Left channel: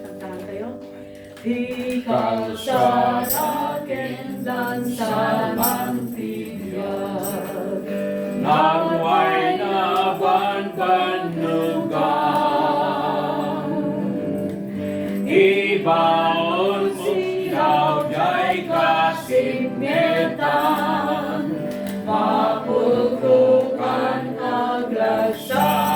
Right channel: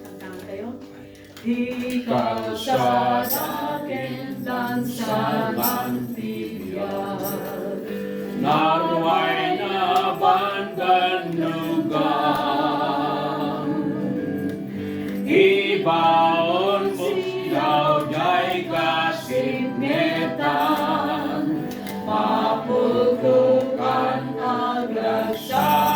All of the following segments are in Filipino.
Kantahan kayo? Ikaw sa akin dan sa mantiyag, naway nabanbanugan. Ibaon mo siyaw jay kasimyetan, maputukan aglasyan.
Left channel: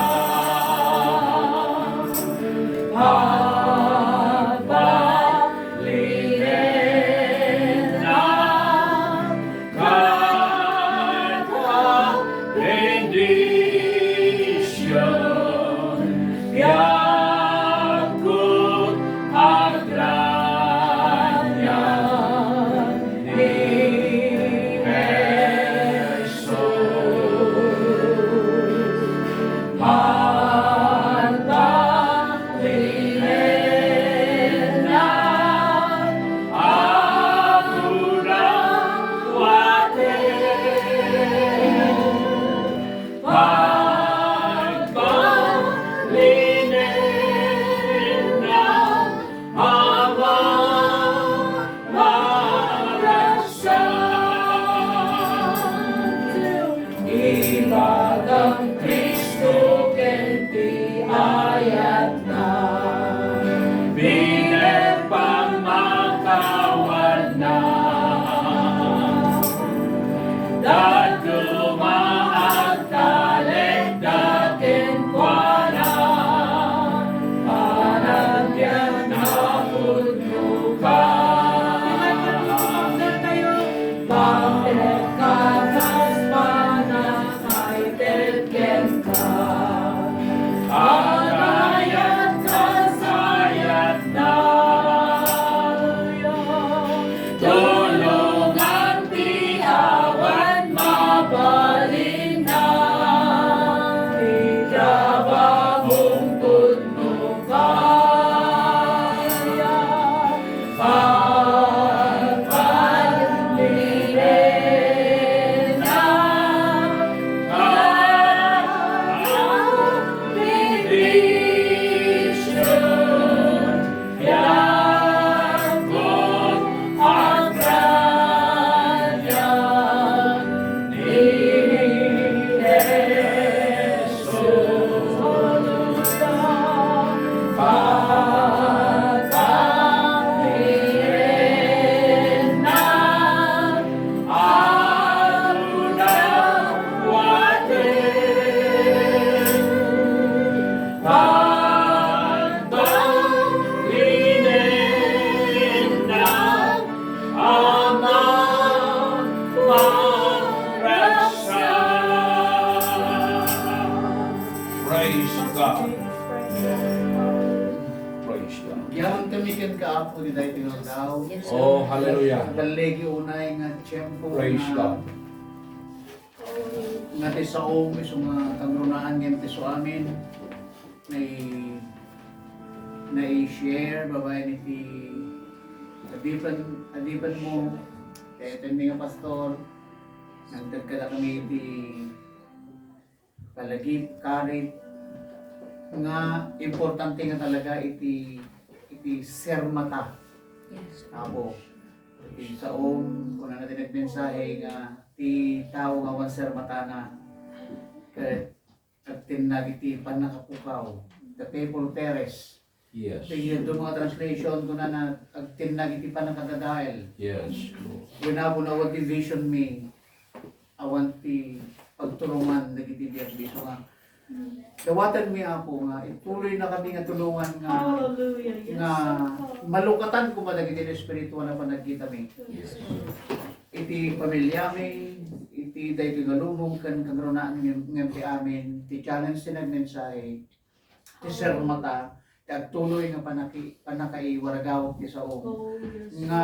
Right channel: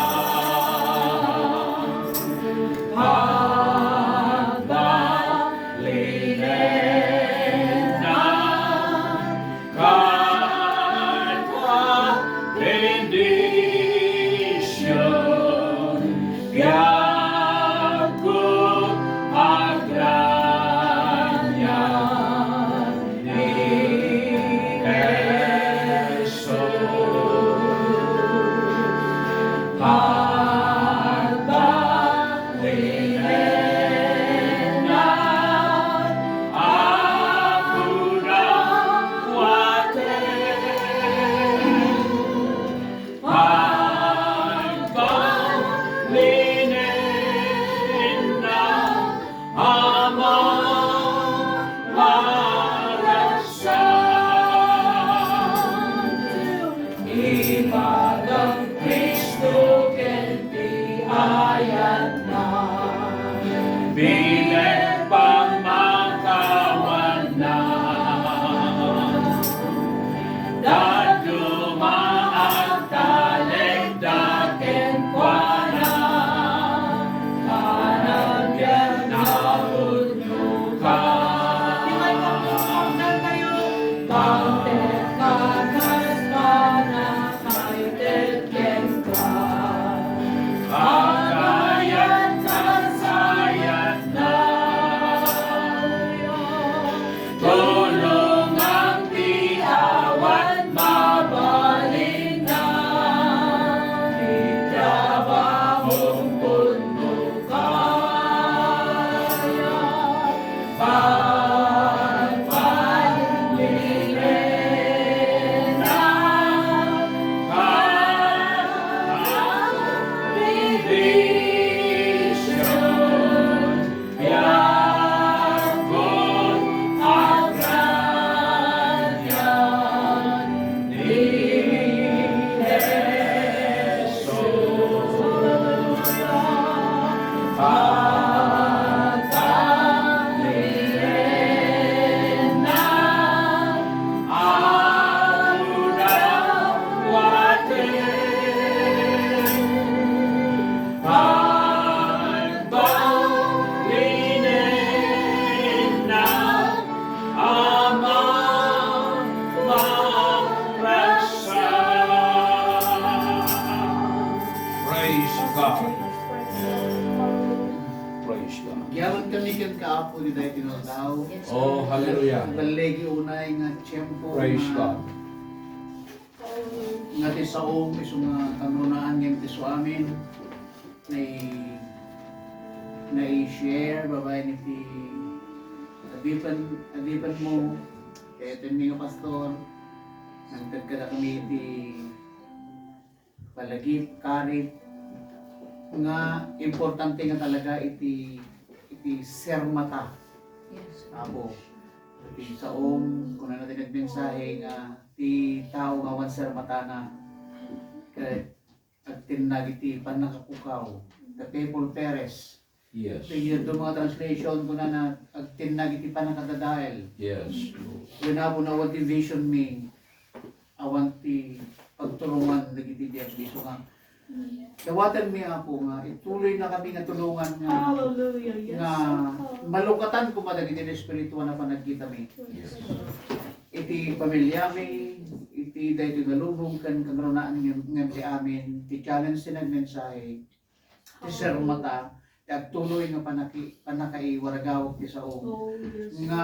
Oh, hallelujah. Dalegi unay nga tiyempo Praise God. nga ti saom iso nga kangrunaan ngem ti so amin na i-share babay ni ti adipan mo kaya mi nga pastor nagtad kada kami ti palagip karit nga importante nga talaga iti sermata. Abo, iti saom, kung na natin nagmensahe nga, ti tao nga wan sermata na, at tinag iti panakapukaw, the people perish. Yes. Tigil doon mga translation, kung na at tinag iti panakadadael. Yes. When ako na what vision me, awan ti pagtulungan, nagiti diagbiso nga. Dawatan mi ako nga, ituloy na kami nga tulungan nga, Hallelujah. Yes. nga malukatan ko madagiti na espiritual na panagkita mi. Yes. Iti pamilya mi, iti dayto galubong kan kagrunaan ngem ti amin, ti challenge sinagmensahe, ti sermata, ti agtuloy nga panakaiwaragaw ti sao. Oh, yes. Nga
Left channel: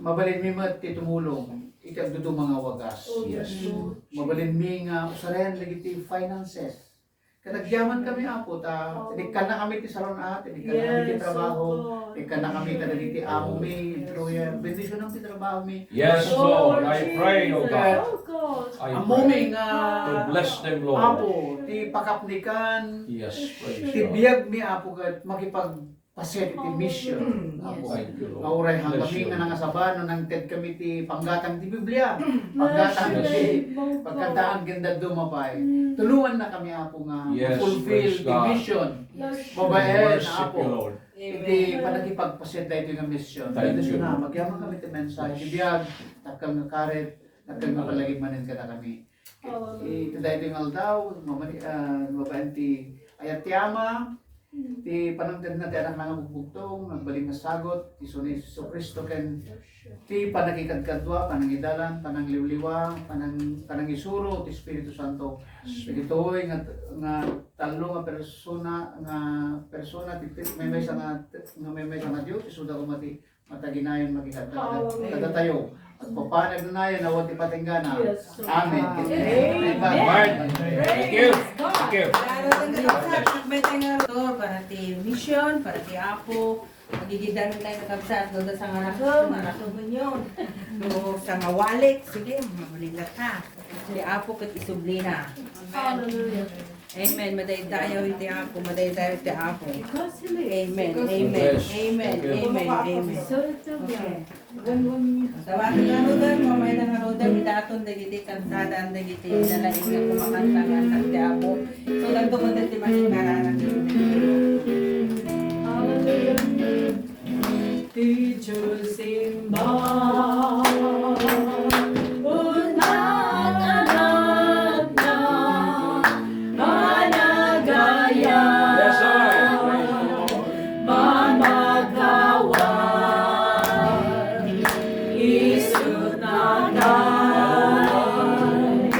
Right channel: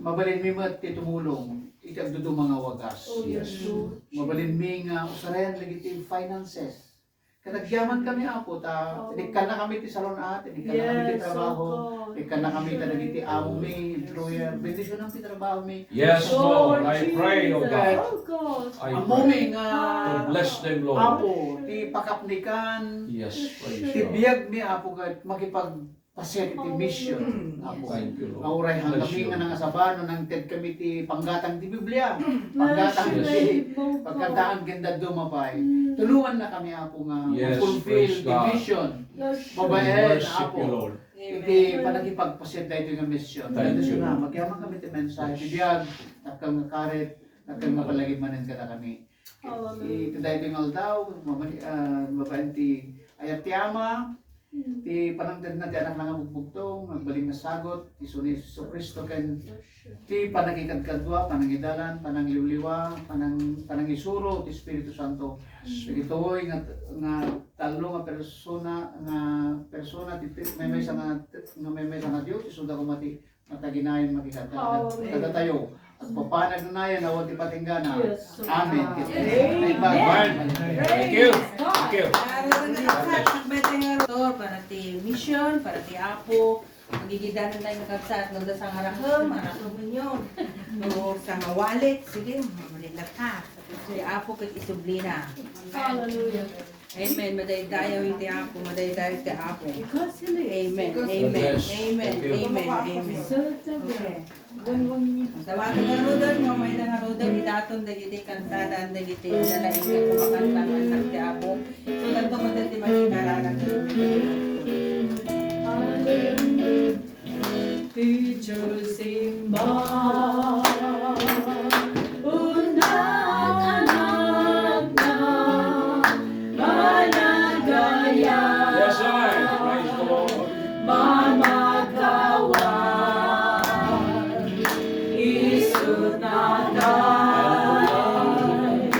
mabalin mi mat ti tumulong, iti agdudu mga wagas. Oh, Yes. Lord. Mabalin mi nga usahen lagi finances. Kanagyaman kami apo ta, ikan na kami ti salon at, ikan na kami ti Yes, trabaho, oh God. ikan na kami ta dagiti amo mi, employer, bendisyon ang ti trabaho mi. Yes, Lord. I pray, O God. Oh God. I Amoming pray. nga To bless them, Lord. Apo, ti pakapnikan, Yes, praise ti God. biyag mi Apo kat makipagpaset iti mission. Apo. Thank you, Lord. Nauray hang Bless kami you. nga nangasabano ng TED kami ti panggatang ti Biblia. Panggatang ti pagkantaan ganda dumapay. Tulungan na kami Apo nga Yes, fulfill praise the God. mission. Yes. Babae na Worship Apo. you, Lord. Iti panagipagpaset na ito nga mission. Thank Dahil you. na, magyaman kami ti mensahe. Bibiyag, takal nga karet, takal nga palagimanin ka na kami. Ito dahil ito nga aldaw, babae ti ayat ti ama, ti panangtid na ti anak nga bugbugtong, nagbaling nga sagot, ti Sunis Kristo ken ti panagikadkadwa, panangidalan, panangliwliwa, panangisuro, ti Espiritu Santo. Pagitoy nga talo nga persona ti may sa Dios isuda ko mataginayon makikadatayo at papanag nunayan awat ti patinggana. Yes. Amen. Amen. Thank you. Thank you. Para ti mission, para ti Apo, magigidan tayo ng kabsat, no, da sa ngarakam yun. No, sa ngawalik, sige, mamulilat na. Si Apo kat isublina. Hallelujah. Amen. Madaydayaw yung ti Apo, madaydayaw ti Apo. Amen. God Amen. bless. Amen. Thank you. Amen. Amen. So, Okay. when Tawagan na rodan, mamay na rodan, idaton dagiti kantadan dagiti dalaing nga kumakantangan ng ti Apo. So, ganito ko dati masikaranan. Teacher Simba, unang anak na managaya, Yes, I. Praise the Lord. mamagawan, isunatay,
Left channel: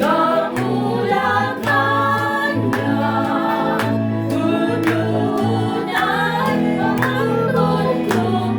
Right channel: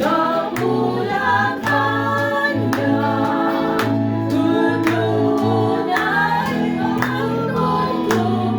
kapulakan niya, tununan ang kultong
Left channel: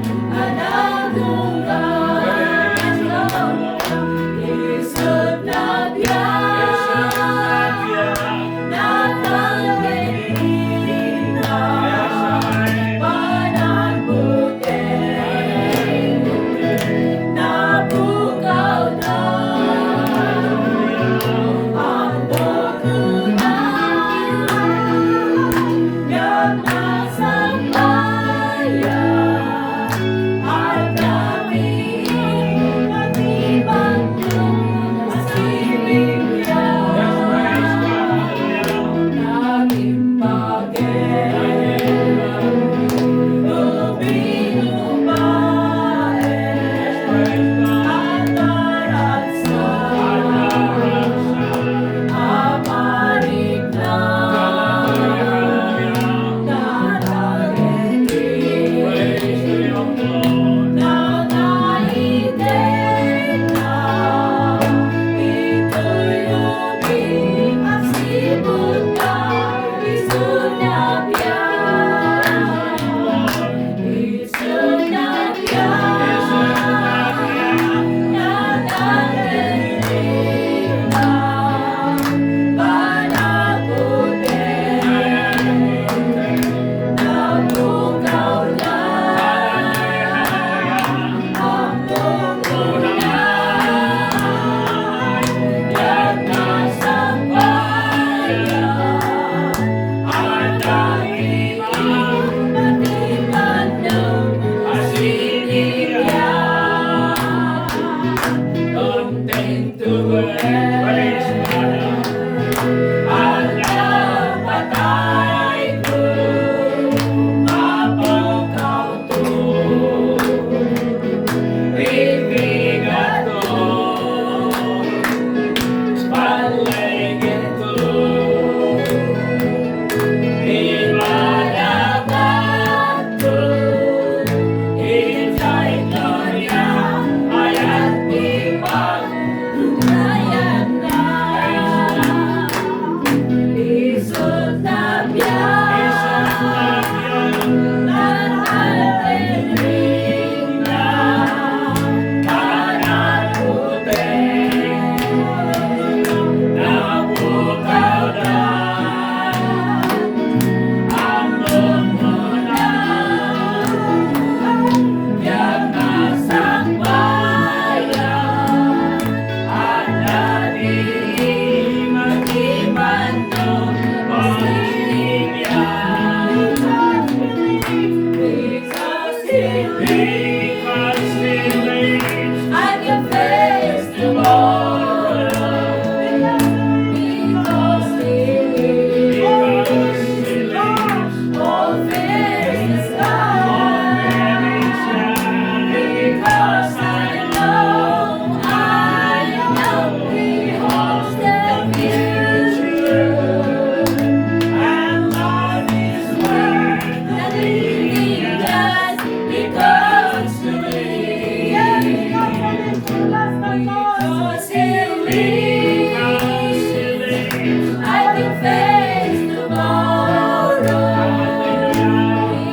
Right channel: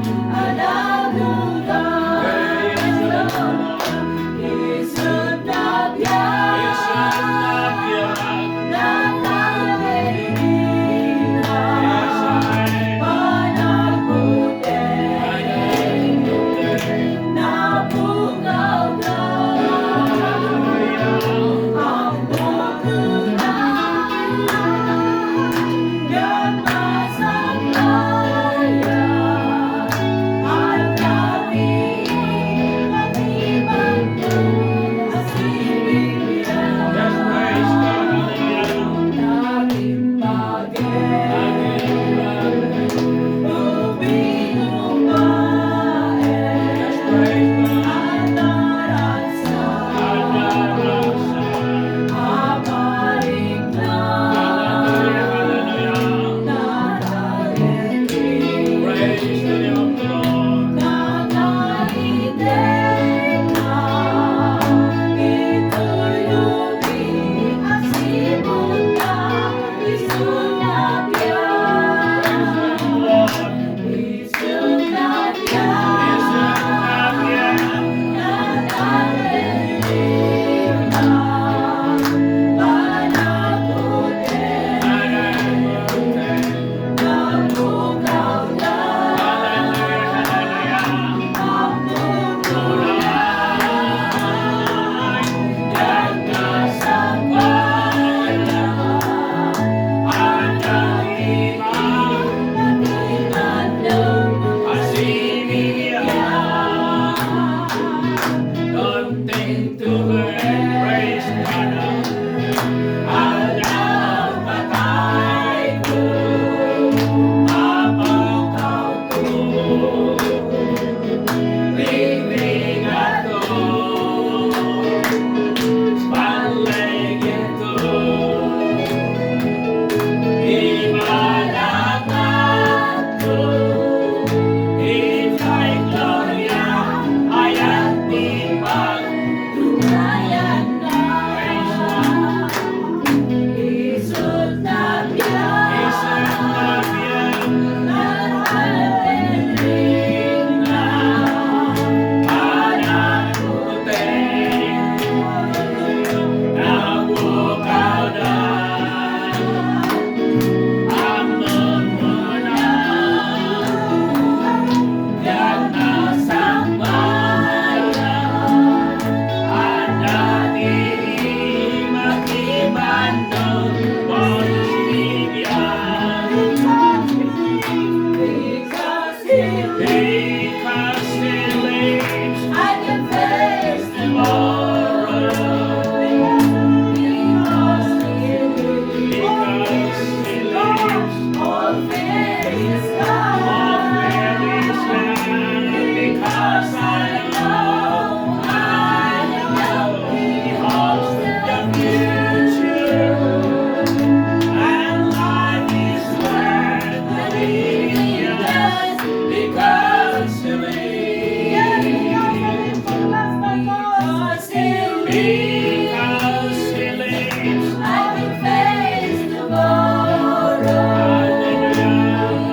Because He lives. I can face tomorrow.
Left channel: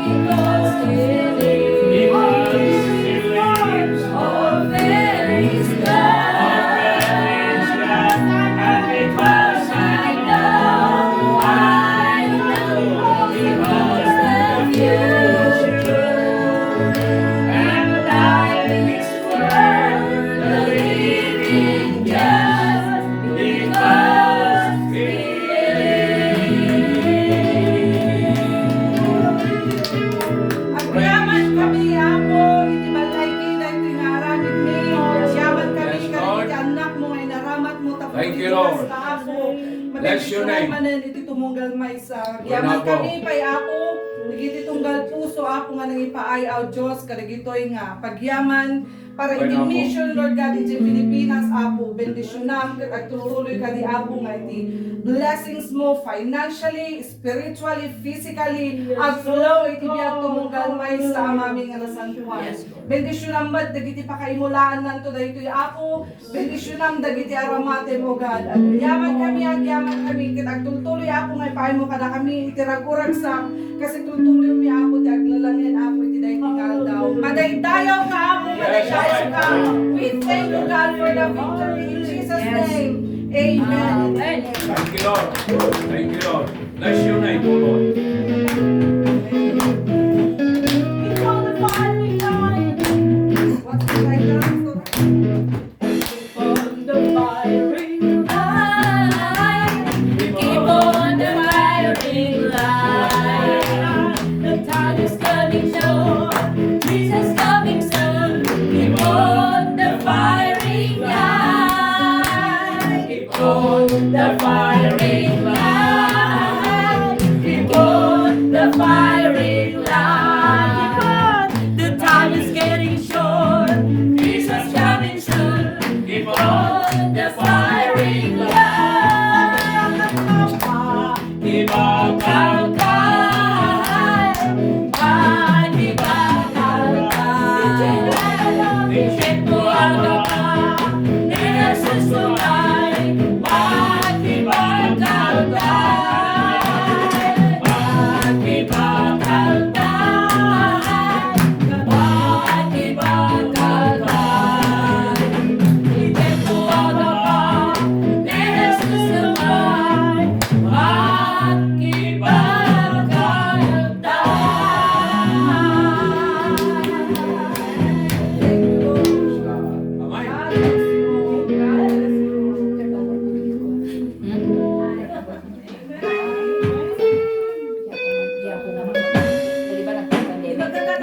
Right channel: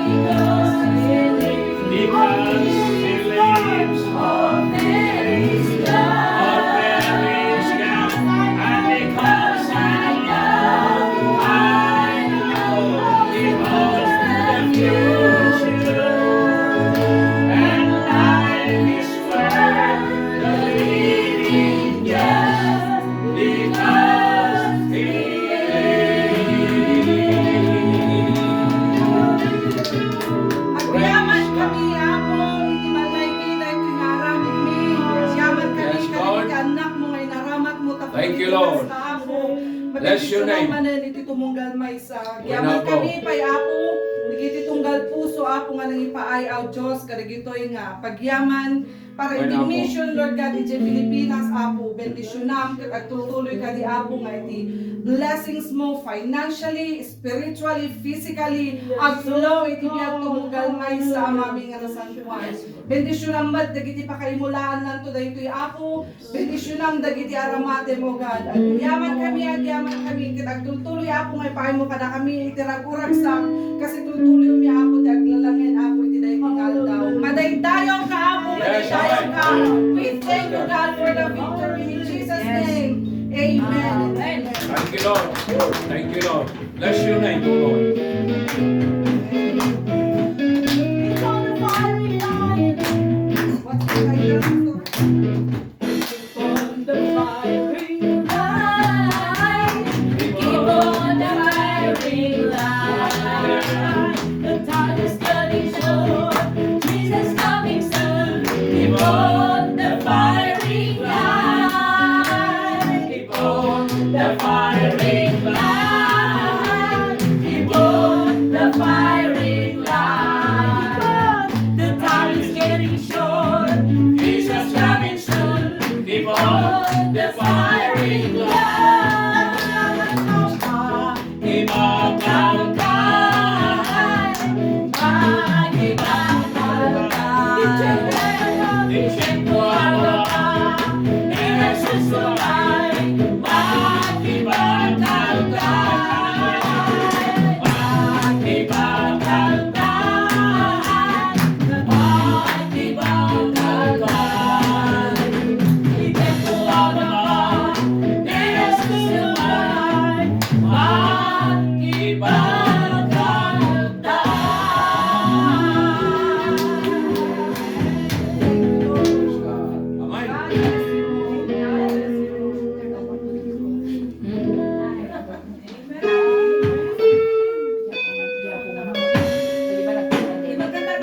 Because He lives. Because He lives. All fear is gone. And because I know He holds the future. And life is worth believing just because He Agyaman kami ako, iti balay kita iti naramid ni. Agyaman kami Yes, kami Lord. iti anak mo ngay naramat mo tapos Thank you, Lord. ako. Bless your name. Manan iti tumunggal may sa. Wala Agyaman po. kami pay ako, iti tunggal puso ako nga nang ipaay out Diyos kadagitoy nga pagyaman para Wala iti po. mission Lord God iti Pilipinas apo bendisyonam at tuloy ka di apo nga iti blessings mo financially, spiritually, physically, at flow iti biyag tumunggal may sa amaming nga Juan. Bendisyon mat dagiti pakaimulaan nanto daytoy apo. Bendisyon dagiti aramate mo God. At yaman kami iti agtultuloy apo nga ipaay mo kada kami iti ragurag sa kasi tultuloy mi apo ti aglalangin apo iti daytoy daw. Madaydayaw ka apo, madaydayaw ka. We thank you God for the victory in Jesus name. Amen. Thank you, Lord. Thank you, Lord. Bless your name, O Lord. What's the background story? On the firing line, keep on the firing line. The time is getting short, Jesus coming soon. Keep on the firing line, keep on the firing line, keep on the firing line. The time is getting short, Jesus coming soon. Keep on On the firing line.